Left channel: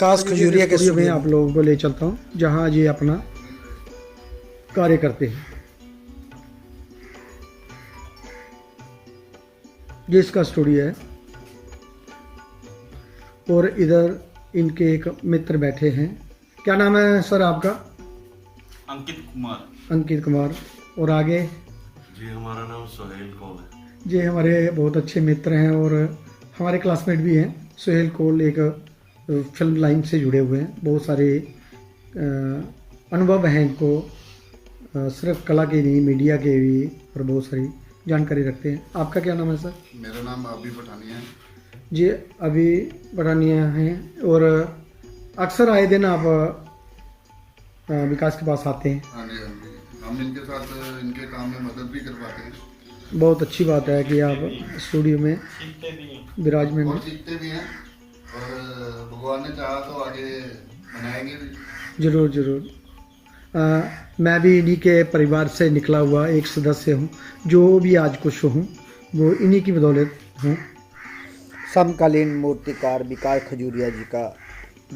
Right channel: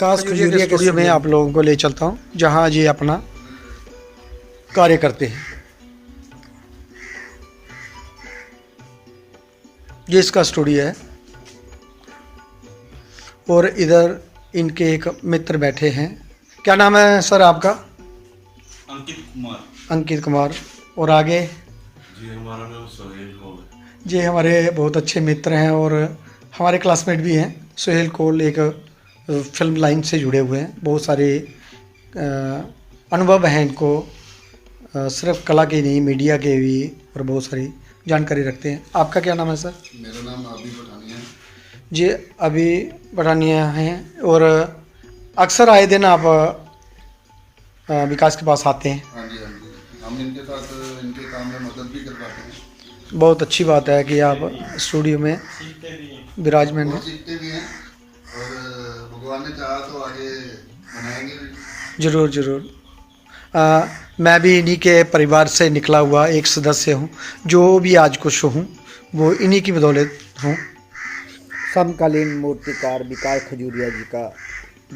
विकास खजूरिया के स्टूडियो में आप लोगों को ले चलता हूँ, जहाँ ये अपना कार्य करते हैं। ये इसका स्टूडियो है और इधर इनके एक मित्र बैठे हैं। क्या नाम है सर आपका? अंकित कुमार। अंकित कुमार। और आगे? जी हमारा नाम सुहेल कौल है। जी हमारे बहुत अच्छे मित्र हैं और हमारे क्लासमेट भी हैं। सुहेल कौल एक फिल्म लाइन से जुड़े हुए हैं, बहुत सारे अनुभव हैं इनको, सिर्फ कला के नहीं मीडिया के भी, और बहुत सारी जानकारी रखते हैं। आपका क्या नाम है सर? मेरा नाम अभी पठानिया है। जी अभी पठानिया हैं। और अक्सर आए दिन आप विकास के पास आते हैं? हाँ जी हाँ जी, हम इनके साथ इनके काम में मदद भी करवाते हैं। बहुत अच्छी बात है कि आप स्टूडियो में विराजमान हैं। और सीखते भी हैं और भगवान ने चाहा तो आगे बनाएंगे भी। ज़रूर ज़रूर। मैं भी इन्हीं के परिवार से निकला हुआ एक सदस्य हूँ। जो भी आज कुछ हूँ वो इन्हीं की बदौलत हूँ। समकालीन मूर्तिकार विकास खजूरिया जी का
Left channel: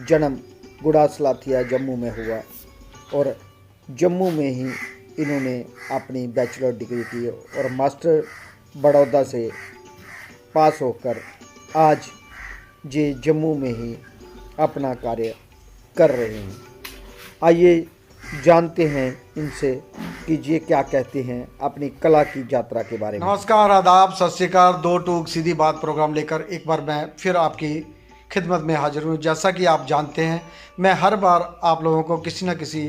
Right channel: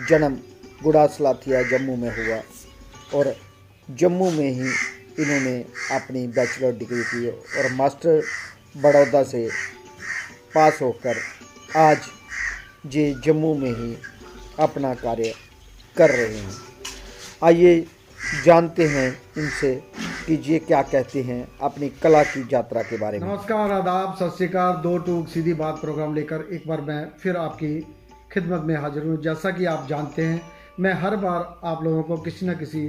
जन्म गुड़ासलाथिया जम्मू में हुआ और जम्मू में ही इन्होंने अपनी बैचलर डिग्री की और मास्टर बड़ौदा से पास होकर आज ये जम्मू में ही अपना कार्य कर रहे हैं। आइए जानते हैं इनसे कि ये क्या कहते हैं अपनी कला की यात्रा के बारे में। नमस्कार, आदाब, सत श्री अकाल। दो टूक सीधी बात प्रोग्राम लेकर एक बार मैं फिर आपकी खिदमत में हाजिर हूँ। जैसा कि आप जानते हैं मैं हर बार आप लोगों को किसी न किसी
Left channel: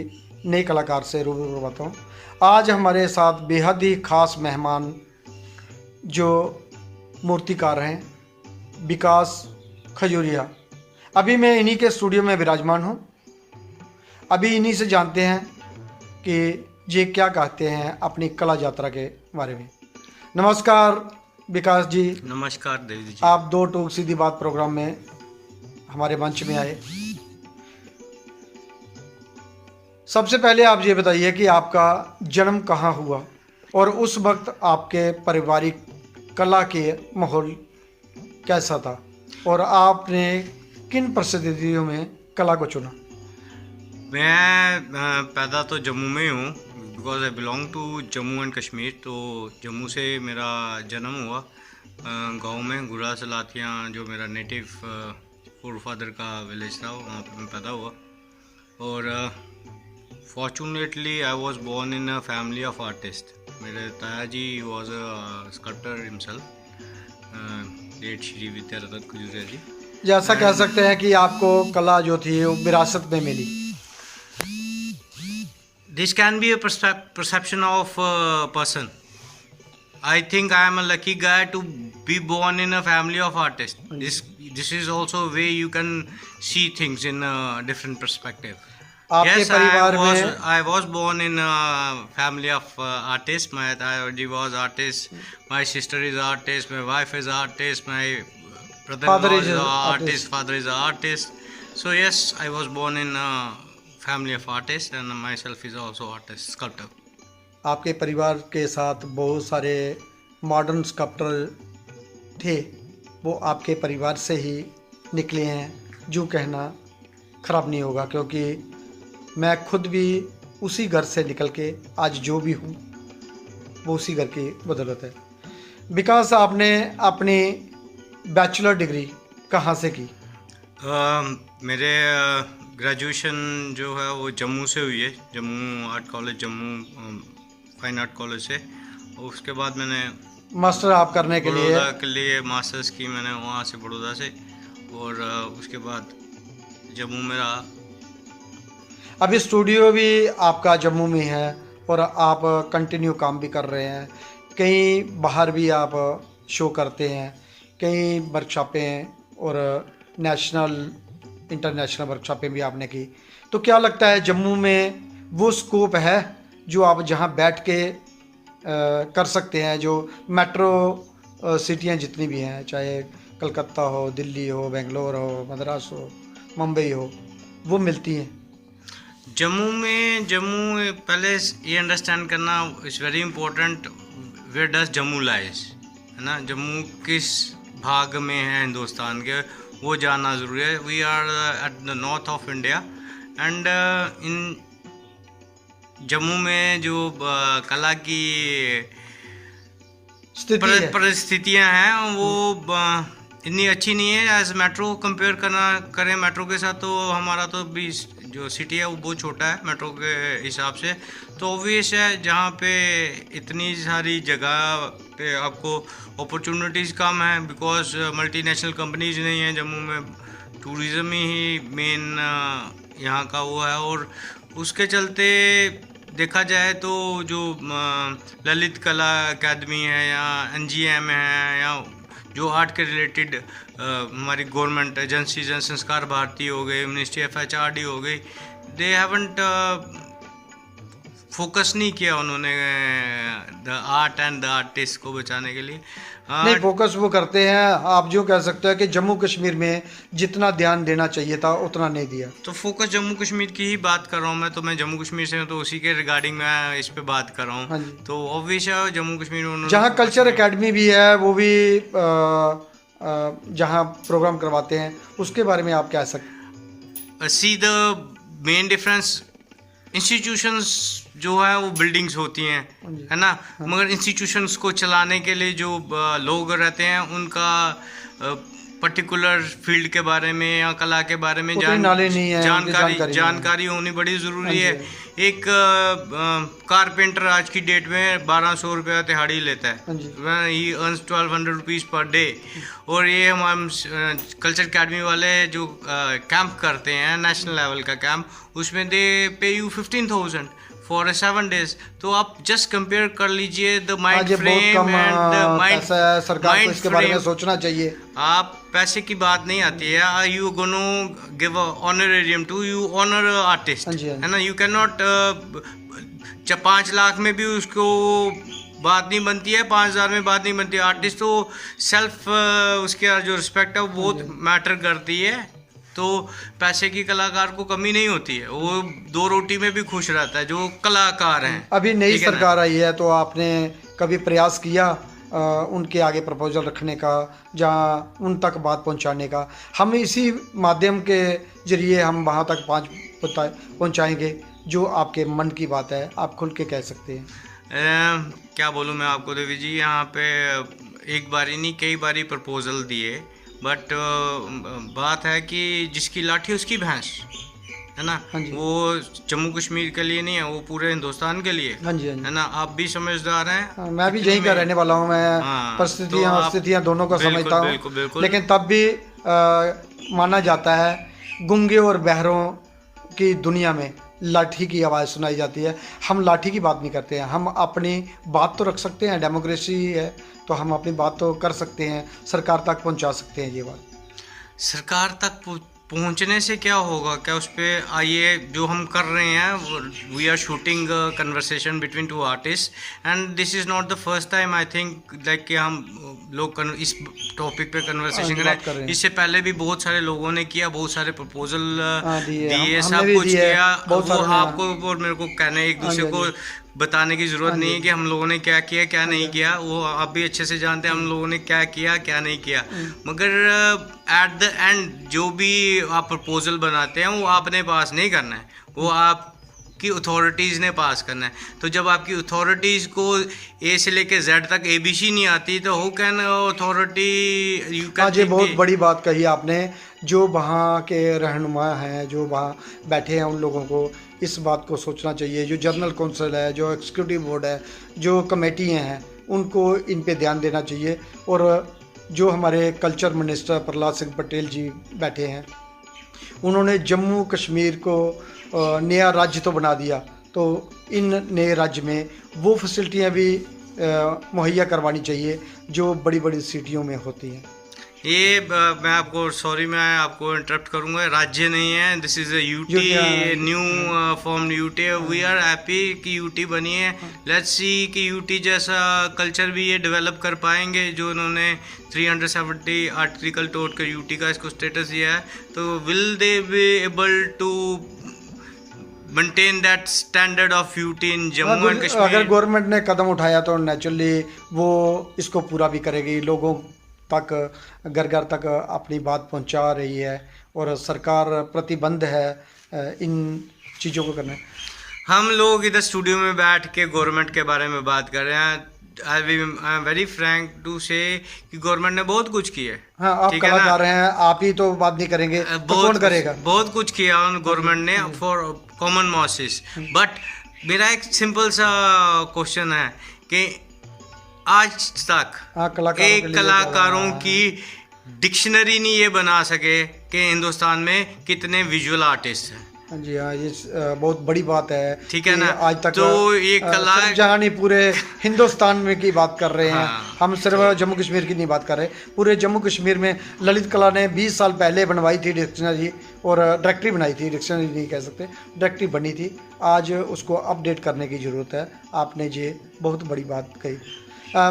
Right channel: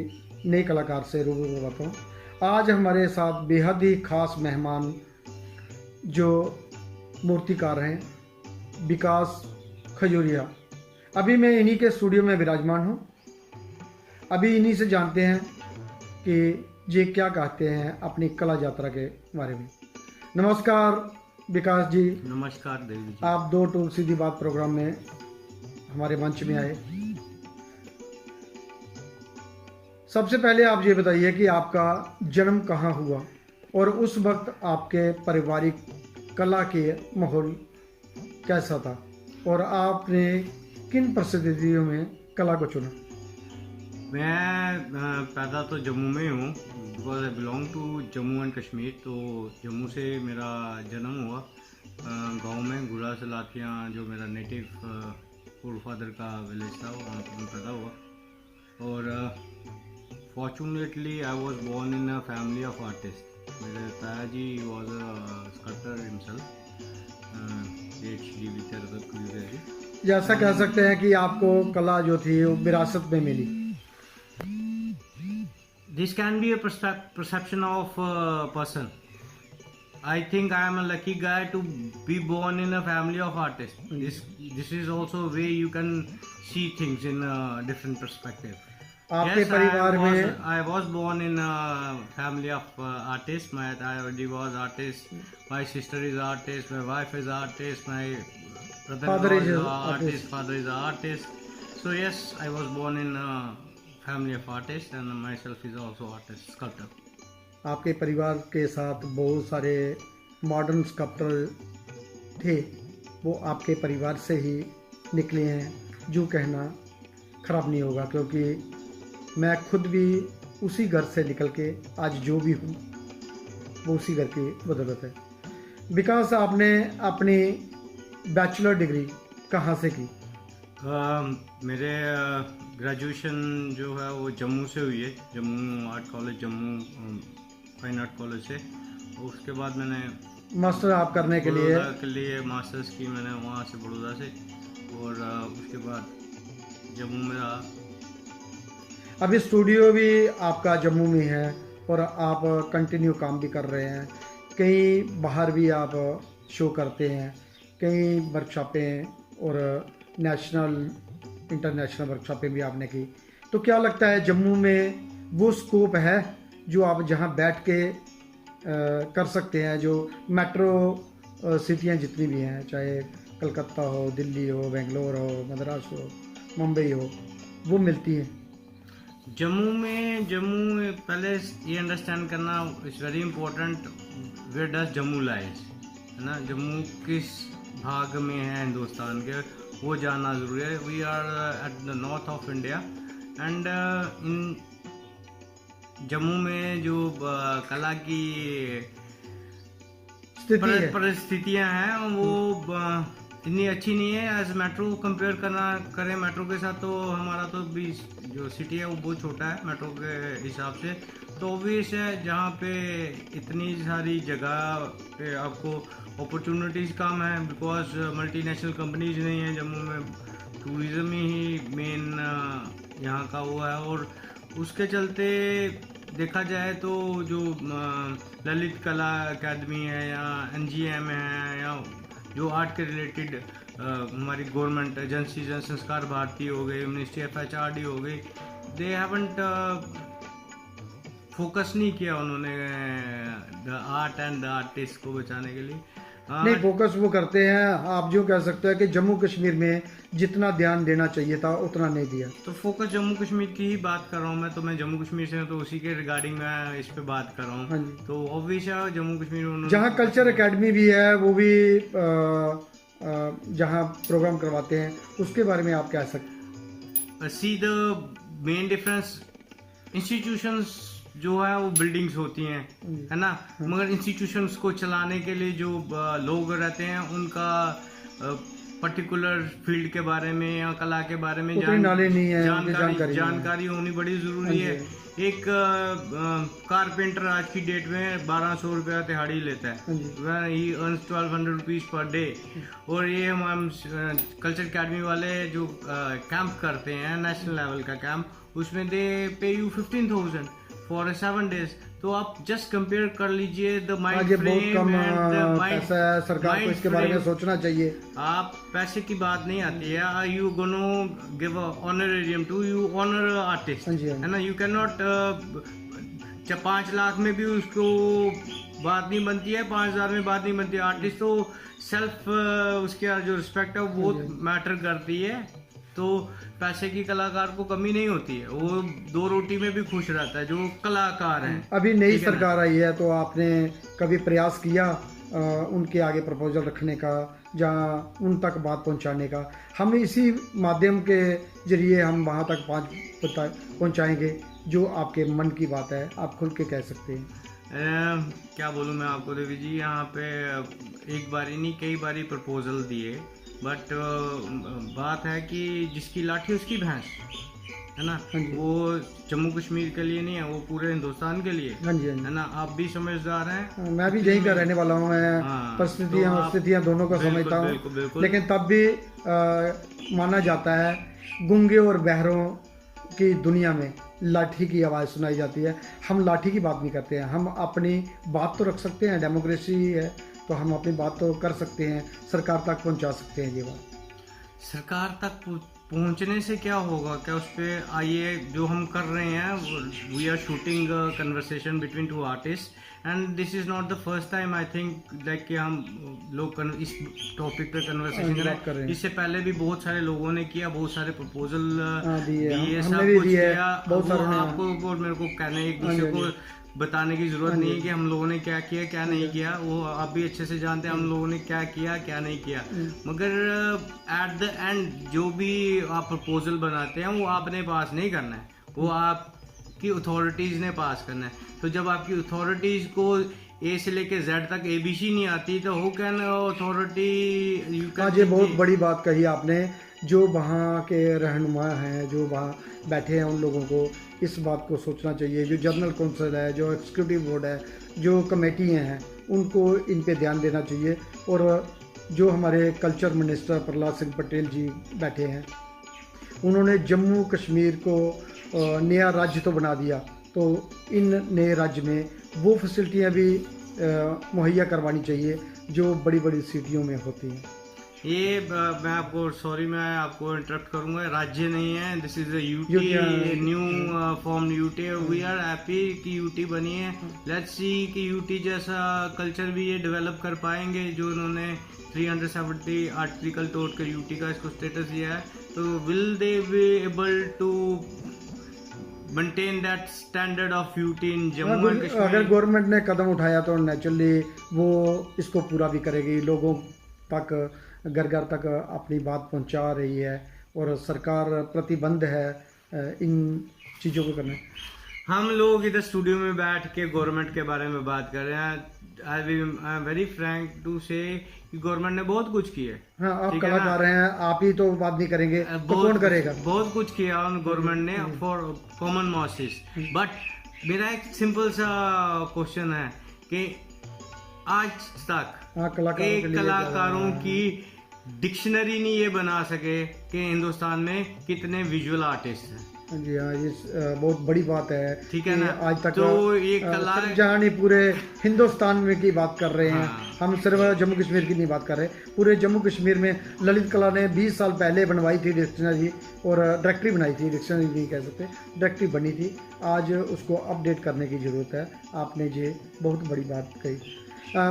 नए कलाकार से रूबरू करवाता हूँ। आज हमारे साथ बेहद ही खास मेहमान जो मूर्तिकार हैं विकास खजूरिया। अभी मैं इन्हीं के स्टूडियो में विराजमान हूँ। अभी इन्हीं से जानते हैं कि ये क्या कहते हैं अपनी कला यात्रा के बारे में। नमस्कार विकास जी। नमस्कार देवी जी। आप दो टूक सीधी बात प्रोग्राम में हमारे मंच में आए। सबसे पहले आप ये बताइए कि आपका जन्म कहाँ हुआ और उस वक्त आपके पारिवारिक कला के माहौल कैसा था और आपने किन परिस्थितियों में कला को चुना? मैं पैदा तो जम्मू में हूँ, because I belong to Jammu and Kashmir. तो जम्मू से मेरा जन्म हुआ गांव में गुड़ासलाथिया, जो मेरा नेटिव फोर फादर का विलेज था, वहाँ पर मैं पैदा हुआ। और fortunately I was born in a family of artist. मेरे ताया जी was a sculptor himself, late Shri Vidyaratan Khajuria ji. जैसा कह सकते हैं कि आपको कला जो थी वो विरासत में मिली। This can be a perception of a person. I think I am a lucky guy to be born in a family of artists. This is also a way you can see things in a different perspective. Yes, I was born in a family of artists. My daddy was artist. My sister is artist. My wife is artist. My brother-in-law is artist. Father is an artist. So yes, I was born in a family of artists and myself is also artist, sculptor. आपके परिवार के साथ बहुत सारे modern sculptor थे, वो आपके परिवार से ही निकले हैं, जो कहना ख़राब नहीं होगा, क्योंकि मैं खुद भी उसी घर से निकल के आज जो भी हूँ वो उसी घर की बदौलत है। विकास, आपने अपनी बैचलर डिग्री कहाँ से की? मेरे ग्रेजुएशन जो है वो जम्मू से हुई है, Jammu art college, Jammu fine art college से। और उसके बाद मैंने मास्टर आप करने के लिए मास्टर्स की मैंने वहाँ से बड़ौदा से। और उसके बाद जम्मू में रहा। अभी स्टूडियो भी आपका जम्मू में है और आप कंटिन्यू काम भी कर रहे हैं। कहीं बाहर भी आप शो करते हैं, कई वर्कशॉपें और नेशनल इंटरनेशनल वर्कशॉपें भी आपने की। तो क्या लगता है जम्मू में वो स्कोप है जो आप जहां बैठ के कर सकते हैं, जो मेट्रो सिटियां जितनी भी हैं, चाहे कलकत्ता हो, दिल्ली हो, बेंगलोर हो, मद्रास हो, मुंबई हो, वो मिलती हैं? जम्मू पहले ये अंडरस्टैंड करना is very important, where does Jammu lies, है ना। जम्मू किस भाग में है हिंदुस्तान के, वो जानना ज़रूरी है. We are at the north of India and in Jammu में जो कला की स्थिति है। परिस्थितियाँ हैं वो इतनी अच्छी नहीं है एज मेट्रो कंपेयर करें मेट्रो के साथ, तो हमारा तो भी जो सिटी है वो बहुत छोटा है मेट्रो के हिसाब से. तो ऑब्वियस है जहाँ पे इतनी सारी जगह पे आपको अपॉर्चुनिटीज़ कम है बिकॉज मल्टीनेशनल कंपनीज नहीं है जम्मू में. टूरिज़्म ही मेन यहाँ का वो है और उसके चलते देखा जाए तो जो ललित कला अकेडमी है या NGM है या जो आर्ट के रिलेटेड हमारी गवर्नमेंट एजेंसीज हैं, संस्कार भारती हो गई, मिनिस्ट्री ऑफ HRD हो गई, दे हैवंट फोकस नहीं किया उन्होंने the art and the artist को बचाने के लिए. नहीं, फोकस वो करते हैं. आप जो कह सकते हैं कि जम्मू कश्मीर में जितना ध्यान देना चाहिए था उतना नहीं दिया. तो फोकस जम्मू कश्मीर की ही बात कर रहा हूँ मैं, तो मैं जम्मू कश्मीर से हूँ तो उसी के रिगार्डिंग मैं इस पे बात कर रहा हाँ हूँ. जी. तो ऑब्वियस है जम्मू कश्मीर में उन्होंने जहाँ कल्चर एकेडमी भी है वो भी जहाँ प्रोग्राम करवाते हैं उसके बारे में आप क्या सकते. See the main difference, institutions जो है वो बिल्डिंग्स होती हैं, है ना, मगर इंस्टीट्यूशंस को चलाने के लिए जो लोग रहते हैं उनका पर्टिकुलर फील्ड के बारे में या कला के बारे में जानकारी होनी बड़ी ज़रूरी है. एक कारपेंटर आज की डेट में 1200 रुपया दिहाड़ी लेता है, ही अर्न्स 1200 रुपीज़ पर डे. और ये हम कल्चर अकेडमी वाले जो कैंप करते हैं नेशनल लेवल का कैंप, उसमें दे पे यू 15,000 फॉर 7 days. तो आप जस्ट कंपेयर कर लीजिए the mind frame and the mind. सरकार को इसके बारे में सोचना चाहिए. आप पैसे की बात नहीं आती है, you gonna give honorarium to you honour artist, है ना. यू कैन नॉट 5 लाख में भी उसको बात नहीं बनती है, 5,000 में बात नहीं बनती है. आर्टिस्ट तो सेल्फ उसके जो रिस्पेक्ट है वो बहुत मैटर करती है. तो पैसे की कलाकार को कमी नहीं होती है, वो 2 रोटी में भी खुश रहता है जो कलाकार हैं. अभी नई सरकार आई है तो आपने कभी प्रयास किया उनके आगे प्रपोजल रखने का, जहाँ उन तक बात पहुँचाने का? हम इसी माध्यम के जरिए हम वहाँ तक पहुँचाएंगे जो आपके मन की बात है, आप खुल के कह सकते हैं. क्या बोलूँ मैं आपको देवी जी, यहाँ पे एक बारी नहीं कई बारी प्रपोजल दिए, बट बात है कि जिसकी लाठी उसकी भैंस, है ना. वो जम्मू कश्मीर के लिए नहीं है, वो पूरे हिंदुस्तान के लिए, है ना. आप भी समझदार हैं. मैं भी यहीं का रहने वाला हूँ. मैं परिस्थितियाँ दोनों का समझता हूँ, लेकिन तब भी माना जाता है गूंगे और बहरों की दुनिया में लाठी की आवाज़ सुनाई जाती है. हम लाठी की बात नहीं करते हैं, हम अपनी बात तो रख सकते हैं. डेमोक्रेसी है तो हम अपनी बात तो कर सकते हैं, सरकार तक पहुंचा सकते हैं. ये बात सरकार तक पहुंचने से क्या होगा, क्या उस पर आइए जो हम कर रहे हैं, we are shooting conversation between 2 artist and this is not the first time I think like कि हम लोग इस टॉपिक पे कन्वर्सेशन करें. इससे पहले भी बहुत सारे लोगों ने किया, बहुत सारे प्रपोजल दिए, सब कुछ किया. वो आपको और मेरे को कहने एक दूसरे को बताने की ज़रूरत नहीं है कि हम लोगों ने क्या किया क्या नहीं किया. वो आप भी अच्छे से जानते हैं हम लोगों ने क्या किया क्या नहीं किया. मगर एट द एंड जो भी आप प्रपोजल बनाते हैं वो आपने पास नहीं करना है, वो आपकी अथॉरिटीज़ ने पास करना है. तो जब आपकी अथॉरिटीज़ को A से लेके Z तक ABC नहीं आती तो who can authority you can. ये बहुत बड़ी बात कही आपने. जो वहाँ के रहनुमा हैं, जो वहाँ बैठे हैं, उन लोगों को इस बात को सोचना चाहिए. जो जनरल काउंसिल है, जो एग्जीक्यूटिव बोर्ड है, जो कमेटियाँ हैं, उनको इन पे ध्यान देना चाहिए. और जो हमारे कल्चर मिनिस्टर प्रहलाद सिंह पटेल जी बैठे हैं, उन्होंने जम्मू कश्मीर को नया राज्य तो बना दिया, तो इन नए राज्य में वो फैसिलिटियाँ भी मुहैया करवानी चाहिए जो बड़ी बड़ी सिटियों में होती हैं. ये मैं आपको इंटरप्ट करूंगा. राज्य नहीं है, this is a UT, new form UT. We are happy कि यूटी बनी है. लेट्स सी कि यूटी जैसा कल्चर भी ये डेवलप कर पाएंगे जो उन्होंने 370 आर्टिकल तोड़ कर यूटी का इसको स्टेटस दिया है. तो will they be able to maintain that standard of UT in Jammu and Kashmir? अगर गवर्नमेंट ने कदम उठाया तो नेचुरली वो इसको पूरा भी करेगी. लोगों तक घर घर तक अपनी बात पहुंचा रही है और सरकार प्रतिबंध है इन चीज़ों को करने। हम लोग इधर स्टूडियो में बैठ के गवर्नमेंट के बारे में बात कर रहे हैं। I am very frank to say कि गवर्नमेंट ने बहुत कुछ किया है। हाँ, आप ठीक है कहा ना? जा रहे हैं, आप ही तो बात नहीं करेंगे तो कौन करेगा? बहुत कुछ किया गवर्नमेंट ने फॉर कॉमन मासेस। बट मेरा एक सिंपल सा क्वेश्चन है कि आज तक हाँ, एक कलाकारों की डिक्शनरी नहीं ये बना सके कि हिंदुस्तान में कितने विजुअल आर्टिस्ट हैं। जी हाँ, ये बहुत बड़ी बात है। ठीक है कि ना? आज तक तो ये कला जहाँ नहीं पूरे हिंदुस्तान में की बात कर रहे हैं। हाँ। हम सिर्फ जम्मू कश्मीर की नहीं बात कर रहे, पूरे जम्मू कश्मीर में ललित कला ने 20 साल पहले बनवाई थी डिक्शनरी और डायरेक्टरी बनाई थी, डिक्शनरी नहीं कह सकते, डायरेक्टरी बनी थी। आज उसको अपडेट करने की ज़रूरत है। आपने ये बहुत बड़ी बात कही।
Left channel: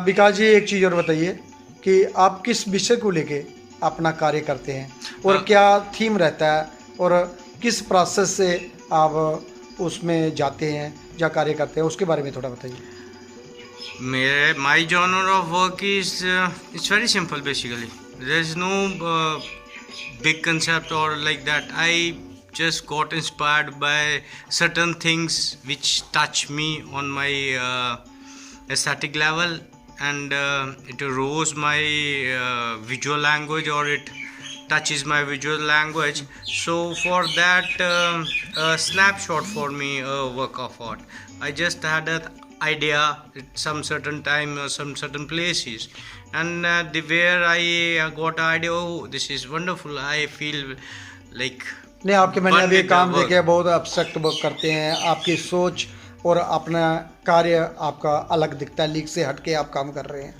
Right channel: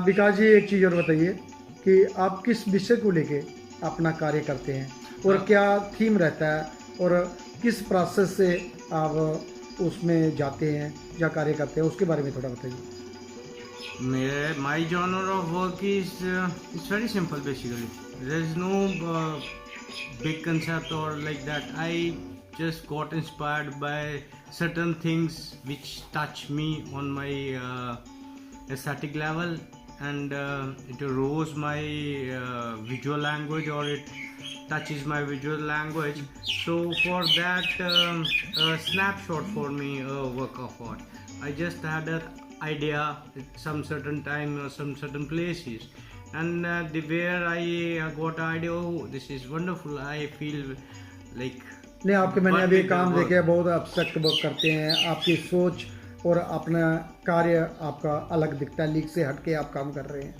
विकास जी, एक चीज़ और बताइए कि आप किस विषय को लेके अपना कार्य करते हैं और क्या थीम रहता है और किस प्रोसेस से आप उसमें जाते हैं या कार्य करते हैं, उसके बारे में थोड़ा बताइए। My genre of work is it's very simple basically. There is no big concept or like that. I just got inspired by certain things which touch me on my aesthetic level, and it rose my visual language, or it touches my visual language. So for that, a snapshot for me, a work of art. I just had an idea at some certain time or some certain places, and where I got an idea, oh, this is wonderful. I feel like नहीं, आपके मैंने one अभी with the काम work. देखे बहुत abstract work करते हैं। आपकी सोच और अपना कार्य आपका अलग दिखता है, लीग से हट के आप काम कर रहे हैं,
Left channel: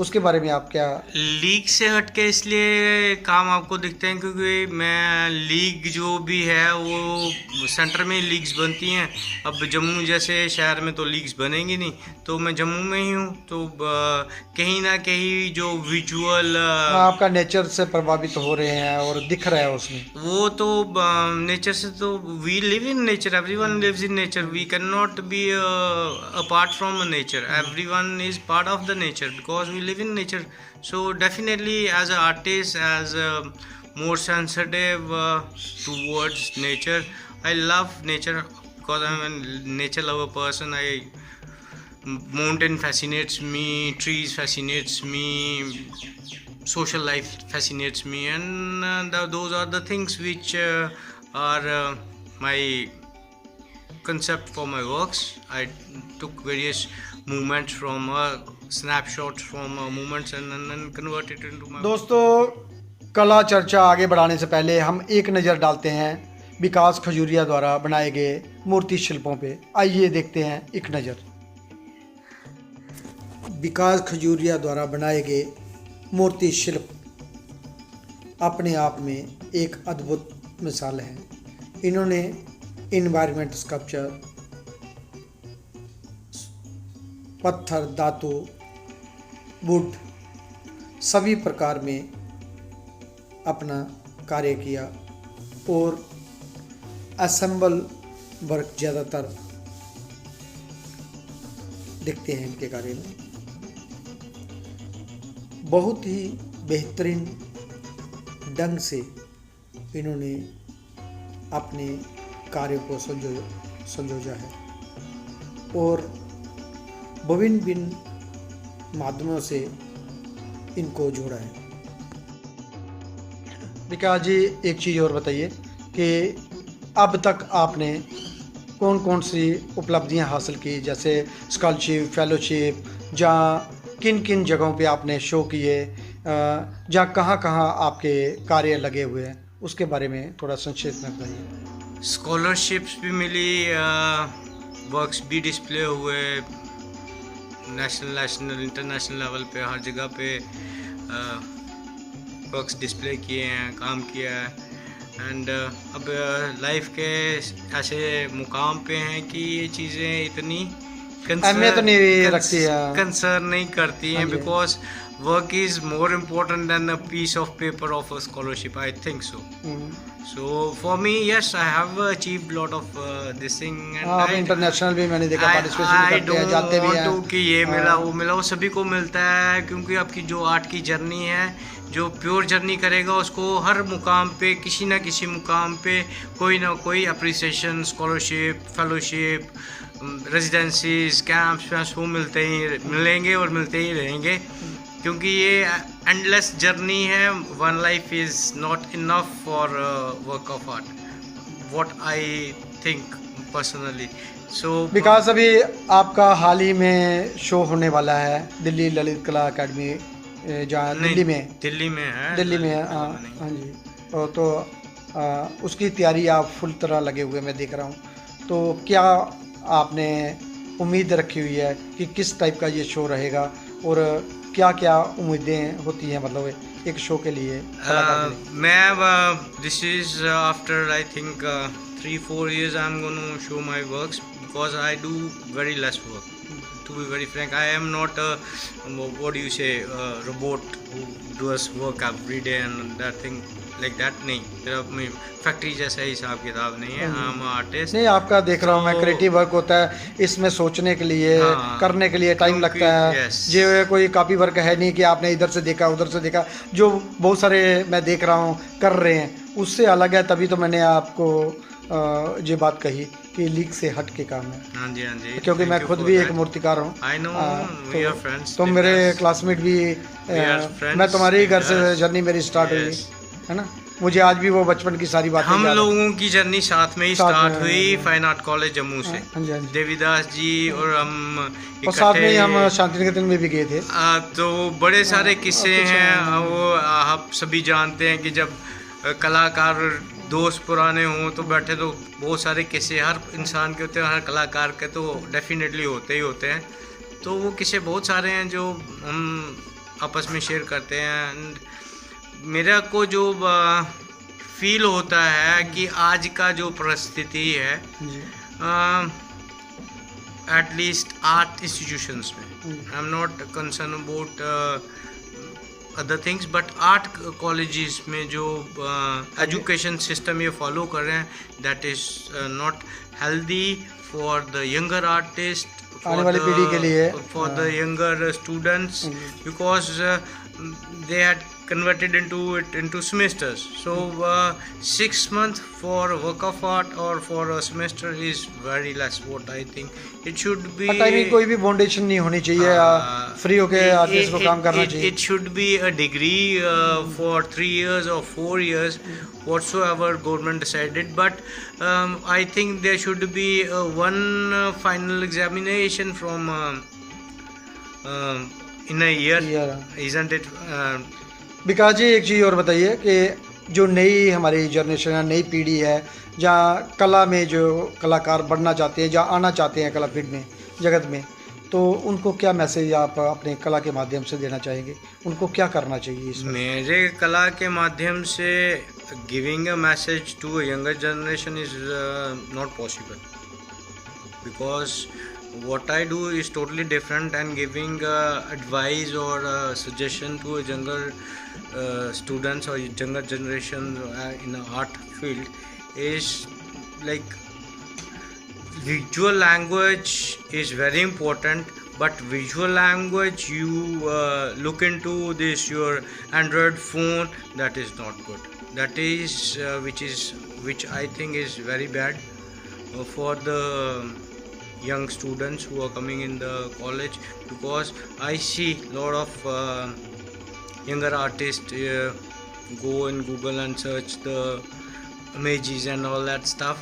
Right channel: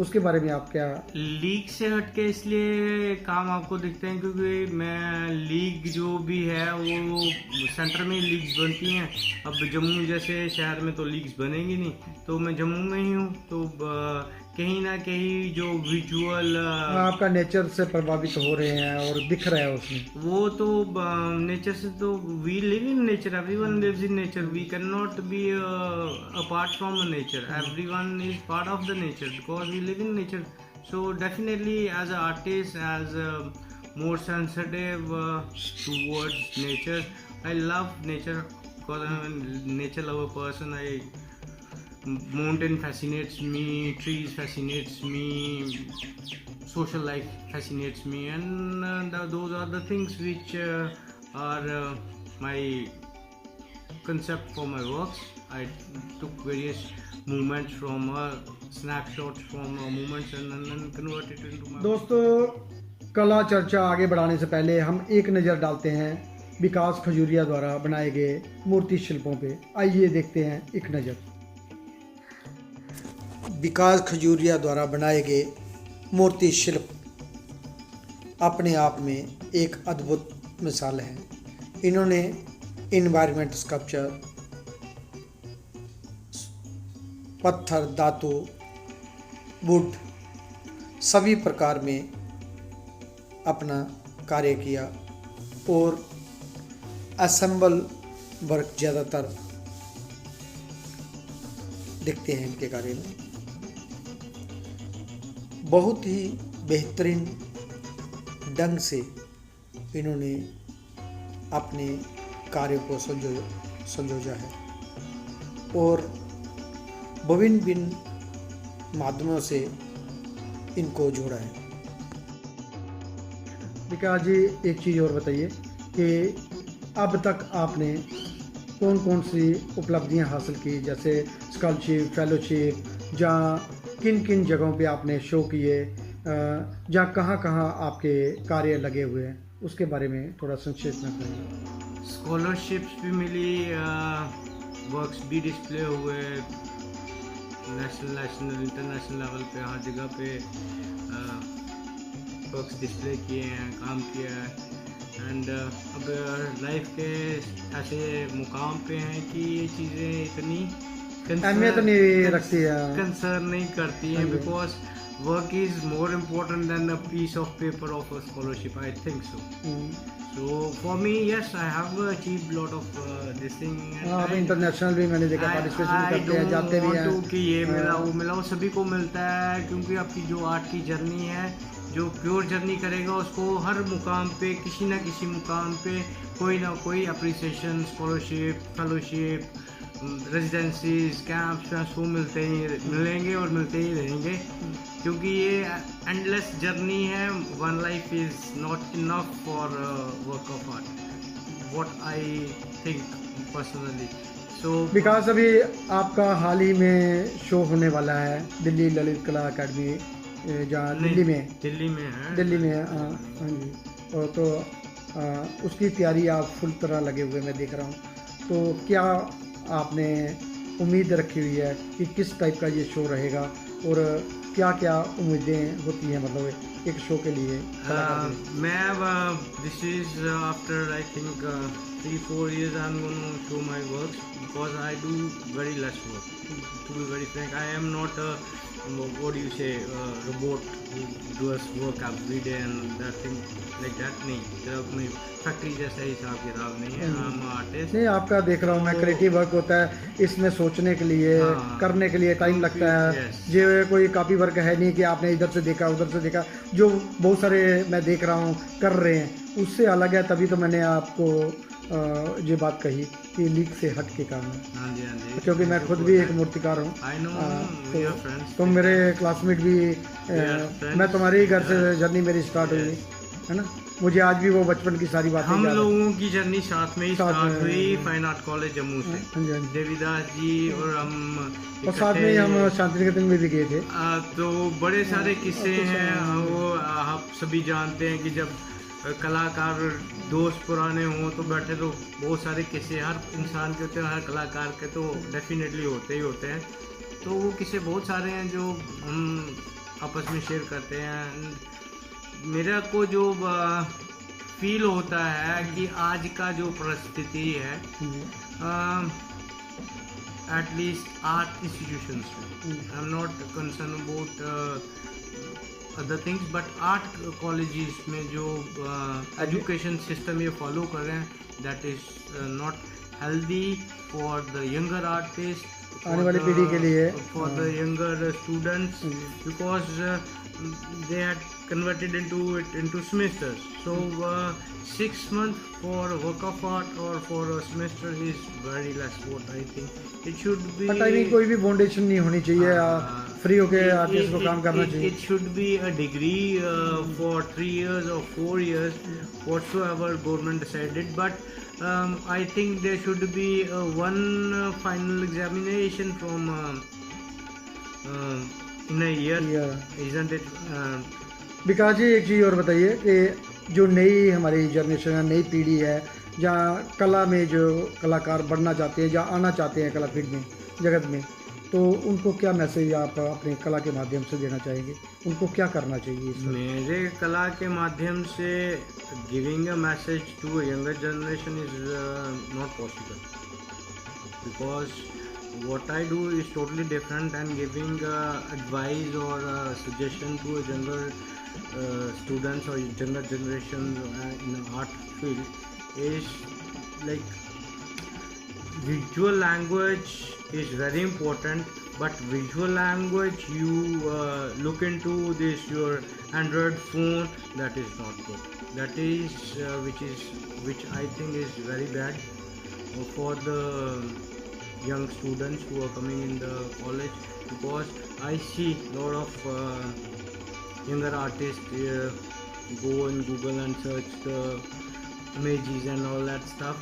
उसके बारे में आप क्या? लीग से हटके इसलिए काम आपको दिखते हैं क्योंकि मैं लीग जो भी है वो सेंटर में लीग्स बनती हैं। अब जम्मू जैसे शहर में तो लीग्स बनेंगी नहीं, तो मैं जम्मू में ही हूँ, तो कहीं ना कहीं जो विजुअल आपका नेचर से प्रभावित हो रहे हैं और दिख रहा है उसमें। वो तो नेचर से, तो we live in nature, everyone lives in nature, we can not be apart from nature, everyone is part of the nature because we live in nature. So definitely as an artist, as more sensitive towards nature, I love nature because I'm a nature lover person. Mountain fascinates me, trees fascinates me, social life fascinates me, and those are the things which are my concept for my works. I took various movements from snapshots from movements and then convert it into my दोस्तों, कला चर्चा आगे बढ़ाने से पहले हम एक नज़र डालते हैं विकास खजूरिया द्वारा बनाए गए मूर्ति शिल्पों पे। आइए देखते हैं एक नज़र। विकास खजूरिया द्वारा बनाए गए मूर्ति शिल्प अपने आप में एक अद्भुत मिसाल है। इन्होंने इन्वायरमेंट स्कल्पचर, पत्थर, धातु, वुड सभी प्रकार में अपना कार्य किया और असेंबल वर्क ज़्यादातर दिखते हैं इनके कार्य में। बहुत ही बेहतरीन ढंग से इन्होंने अपने कार्य को संजोजा है और विभिन्न भिन्न माध्यमों से इनको जोड़ा है। विकास जी, एक चीज़ और बताइए कि अब तक आपने कौन कौन सी उपलब्धियां हासिल की, जैसे स्कॉलरशिप, फेलोशिप, जहाँ किन किन जगहों पे आपने शो किए, जहाँ कहाँ कहाँ आपके कार्य लगे हुए हैं, उसके बारे में थोड़ा संक्षेप में बताइए। स्कॉलरशिप्स भी मिली, वर्क्स भी डिस्प्ले हुए, नेशनल इंटरनेशनल लेवल पे हर जगह पे वर्क्स डिस्प्ले किए हैं, काम किया है। एंड अब लाइफ के ऐसे मुकाम पे हैं कि ये चीज़ें इतनी अहमियत नहीं रखती है, कंसर्न नहीं करती हैं, because work is more important than a piece of paper of a scholarship. I think so. So for me, yes, I have achieved lot of this thing, and हाँ, आप इंटरनेशनल भी मैंने देखा I पार्टिसिपेशन करते हैं, जाते भी don't हैं। want to कि ये मिला वो मिला, वो सभी को मिलता है, क्योंकि आपकी जो आर्ट की जर्नी है, जो प्योर जर्नी करेगा उसको हर मुकाम पे किसी ना किसी मुकाम पे कोई ना कोई appreciation, scholarship, fellowship, residencies, camps वो मिलेंगे और मिलते ही रहेंगे, क्योंकि ये एंडलेस जर्नी है। One life is not enough for work of art, what I think personally. So Vikas, अभी आपका हाल ही में शो होने वाला है दिल्ली ललित कला अकेडमी, जहाँ दिल्ली में है। दिल्ली में है हाँ हाँ जी। तो उसकी तैयारी आप फुल तरह लगे हुए मैं देख रहा हूँ, तो क्या आपने उम्मीद रखी हुई है कि किस टाइप का ये शो रहेगा, और क्या क्या उम्मीदें होती हैं मतलब एक शो के लिए? मैं this is after I think 3-4 years I'm going to show my works, because I do very less work, to be very frank. I am not a what do you say, robot who does work every day and that thing like that. नहीं, तेरा factory जैसा हिसाब किताब नहीं है। I'm artist नहीं, आपका देख रहा हूँ मैं, क्रिएटिव वर्क होता है, इसमें सोचने के लिए, हाँ, करने के लिए टाइम लगता है। yes. जो कोई कॉपी वर्क है नहीं कि आपने इधर से देखा उधर से देखा, जो बहुत सारे मैं देख रहा हूँ कर रहे हैं, उससे अलग है। तभी तो मैंने आपको ये बात कही कि लीक से हट के काम है। हाँ जी, हाँ जी, क्योंकि मैं खुद भी एक मूर्तिकार हूँ। I know, we are friends. तुम मेरे क्लासमेट भी, मैं तुम्हारे ही घर से जर्नी मेरी स्टार्ट हुई है ना। मुझे आज भी वो बचपन की सारी बातें हम याद हैं। लोगों की जर्नी साथ में ही स्टार्ट हुई फाइन आर्ट कॉलेज जम्मू से, हाँ जी, हाँ जी। देवीदास जी और हम और साथ में ही हम इकट्ठे। शांति निकेतन में भी गए थे। तो बड़े सारे किस्से हैं, वो आप सभी जानते हैं कि जब कलाकार दोस्त पुराने हों तो बैठे तो बहुत सारे किस्से हर इंसान के होते हैं, हर कलाकार के तो डेफिनेटली होते ही होते हैं। तो वो किस्से बहुत सारे हैं जो हम आपस में शेयर करते हैं। एंड मेरा को जो फील होता है कि आज का जो परिस्थिति है, एटलीस्ट आर्ट इंस्टीट्यूशंस में, I am not concern about other things, but art colleges में जो एजुकेशन सिस्टम ये फॉलो कर रहे हैं, that is not healthy for the younger artist, आने वाली पीढ़ी के लिए, for the younger students, because they had converted into semesters. So 6 months for a work of art or for a semester is very less. What I think it should be. Timing कोई भी foundation नहीं होनी चाहिए, free होके artist को काम करना चाहिए। It should be a degree for 3 years or 4 years, whatsoever government decided. But I think there should be one final examination from in a year, isn't it? विकास जी, एक चीज़ और बताइए कि जो नई हमारी जनरेशन है, नई पीढ़ी है, जहाँ कला में जो कलाकार बढ़ना चाहते हैं, जहाँ आना चाहते हैं कला फील्ड में, जगत में, तो उनको क्या मैसेज आप अपने कला के माध्यम से देना चाहेंगे? उनको क्या करना चाहिए इसमें? मेरे कला के माध्यम से giving a message to a younger generation is not possible, because what I do is totally different, and giving advice or suggestion to a younger students or younger generation in the art field is like visual language is very important, but visual language you look into this your Android phone, that is not good. That is which I think is very bad for the young students who are coming in the college, because I see lot of younger artists go in Google and search the images and all that stuff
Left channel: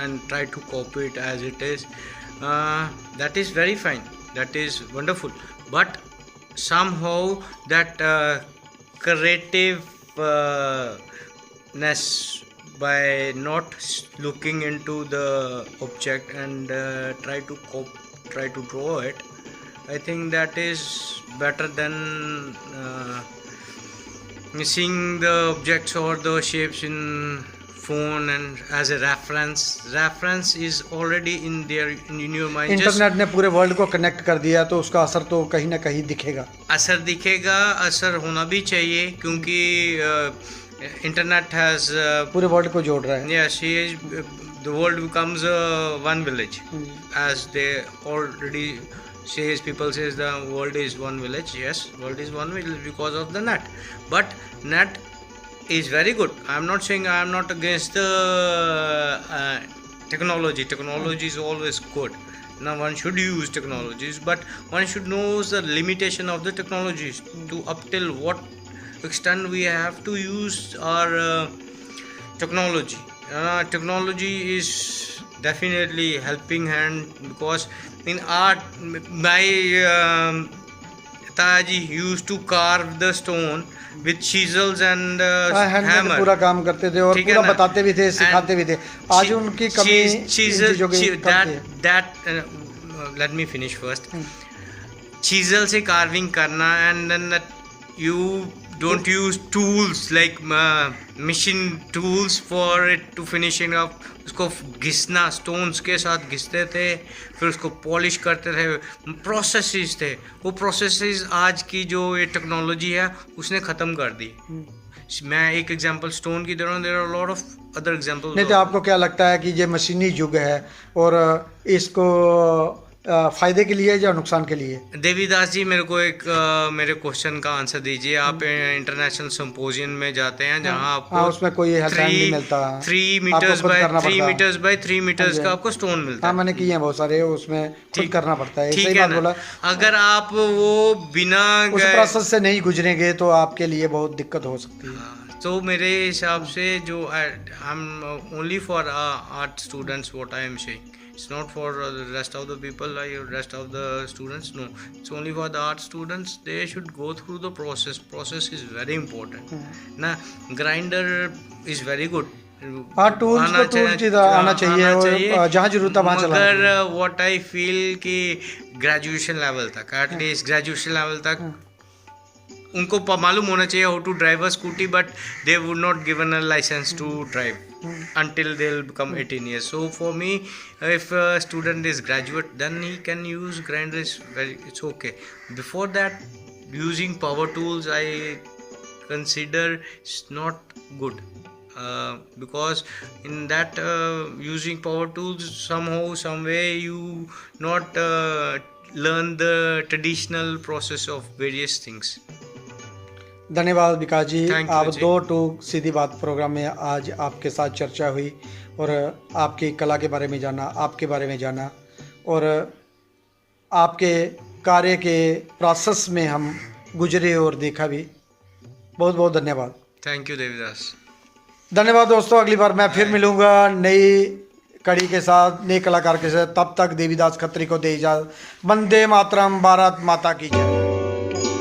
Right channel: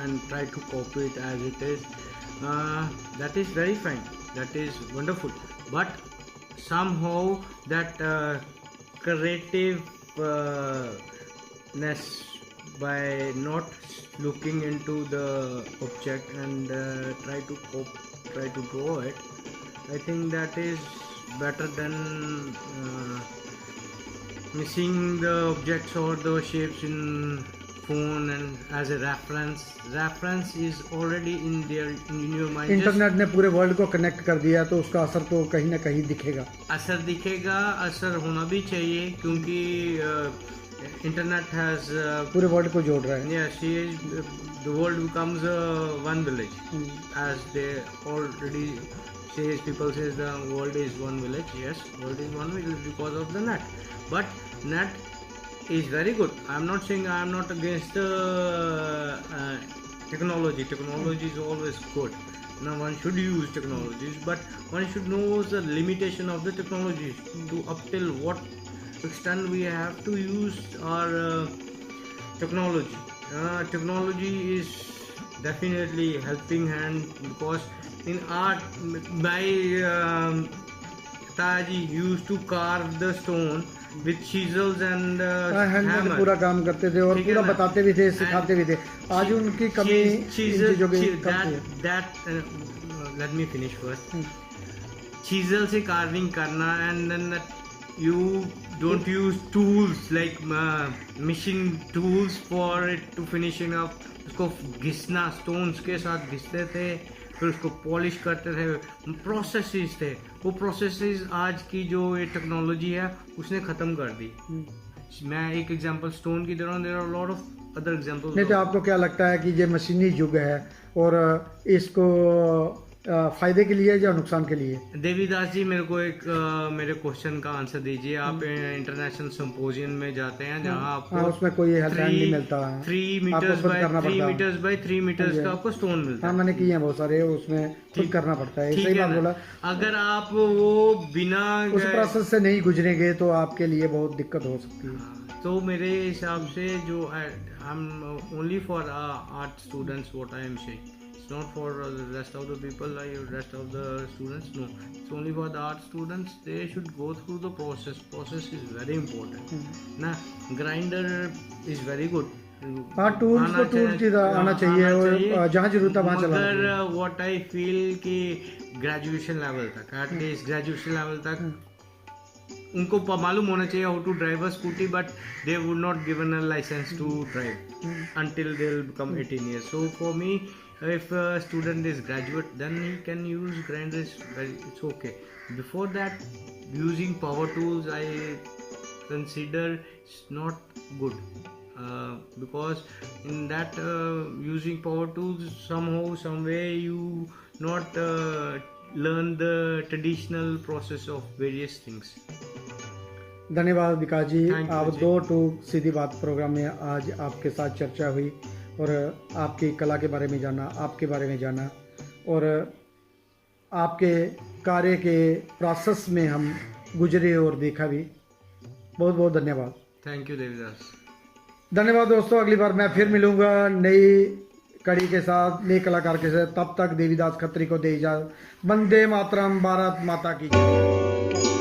and try to copy it as it is. That is very fine, that is wonderful, but somehow that creativeness by not looking into the object and try to draw it, I think that is better than seeing the objects or the shapes in phone and as a reference is already in your mind. Internet ने पूरे world को connect कर दिया, तो उसका असर तो कहीं ना कहीं दिखेगा। असर दिखेगा, असर होना भी चाहिए, क्योंकि इंटरनेट हैज पूरे वर्ल्ड को जोड़ रहा है। yes, the world becomes one village, as they already says, people says the world is one village. Yes, world is one village because of the net. But net is very good. I am not saying, I am not against the technology. Technology is always good. Now one should use technologies, but one should know the limitation of the technologies, to up till what extent we have to use our technology. Technology is definitely helping hand, because in art my Taji used to carve the stone with chisels and hammer. पूरा काम करते थे और ठीक है पूरा ना? बताते भी थे, सिखाते भी थे। आज उनकी कमी इन चीजों की कमी है। let me finish first. Chisel से carving करना, and then that you don't use tools like machine tools for it to finishing up. उसको घिसना, स्टोन्स के साथ घिसते थे, फिर उसको पॉलिश करते थे, प्रोसेसेस थे। वो प्रोसेसेस आज की जो ये टेक्नोलॉजी है उसने ख़त्म कर दी। मैं एक एग्जांपल स्टोन की दे रहा हूँ, there are lot of other examples. नहीं तो आपको क्या लगता है कि ये मशीनी युग है और इसको फायदे के लिए या नुकसान के लिए? देवीदास जी, मेरे को एक मेरे क्वेश्चन का आंसर दीजिए। आप इंटरनेशनल सिंपोजियम में जाते हैं जहां आपको उसमें कोई हेल्पलाइन नहीं मिलता, 3 मीटर्स बाय 3 मीटर्स का आपको स्टोन मिलता है। मैंने किए हैं बहुत सारे, उसमें ठीक करना पड़ता है। ठीक है ना? अगर आप वो बिना उस प्रोसेस से नहीं गुजरेंगे तो आपके लिए बहुत दिक्कत हो सकती है। तो मेरे हिसाब से जो I am only for art students, what I am saying, it's not for the rest of the people, like rest of the students. No, it's only for the art students. They should go through the process is very important ना। grinder is very good, हाँ, tools आना चाहिए, जहाँ जरूरत है वहाँ चलाना। मगर what I feel कि ग्रेजुएशन लेवल तक, एटलीस्ट ग्रेजुएशन लेवल तक उनको मालूम होना चाहिए how to drive a scooty, but they would not given a license to drive until they'll become 18 years. So for me, if a student is graduate, then he can use grinder, it's okay. Before that, using power tools I consider it's not good, because in that using power tools, somehow some way you not learn the traditional process of various things. धन्यवाद विकास जी। आप जी। 2 टूक सीधी बात programme में आज आपके साथ चर्चा हुई और आपकी कला के बारे में जाना, आपके बारे में जाना और आपके कार्य के प्रोसेस में हम गुजरे और देखा भी। बहुत बहुत धन्यवाद। Thank you Devidas. धन्यवाद दोस्तों, अगली बार मैं फिर मिलूँगा नई कड़ी के साथ, नए कलाकार के साथ। तब तक देवीदास खत्री को दे इजाज़त। वंदे मातरम, भारत माता की जय।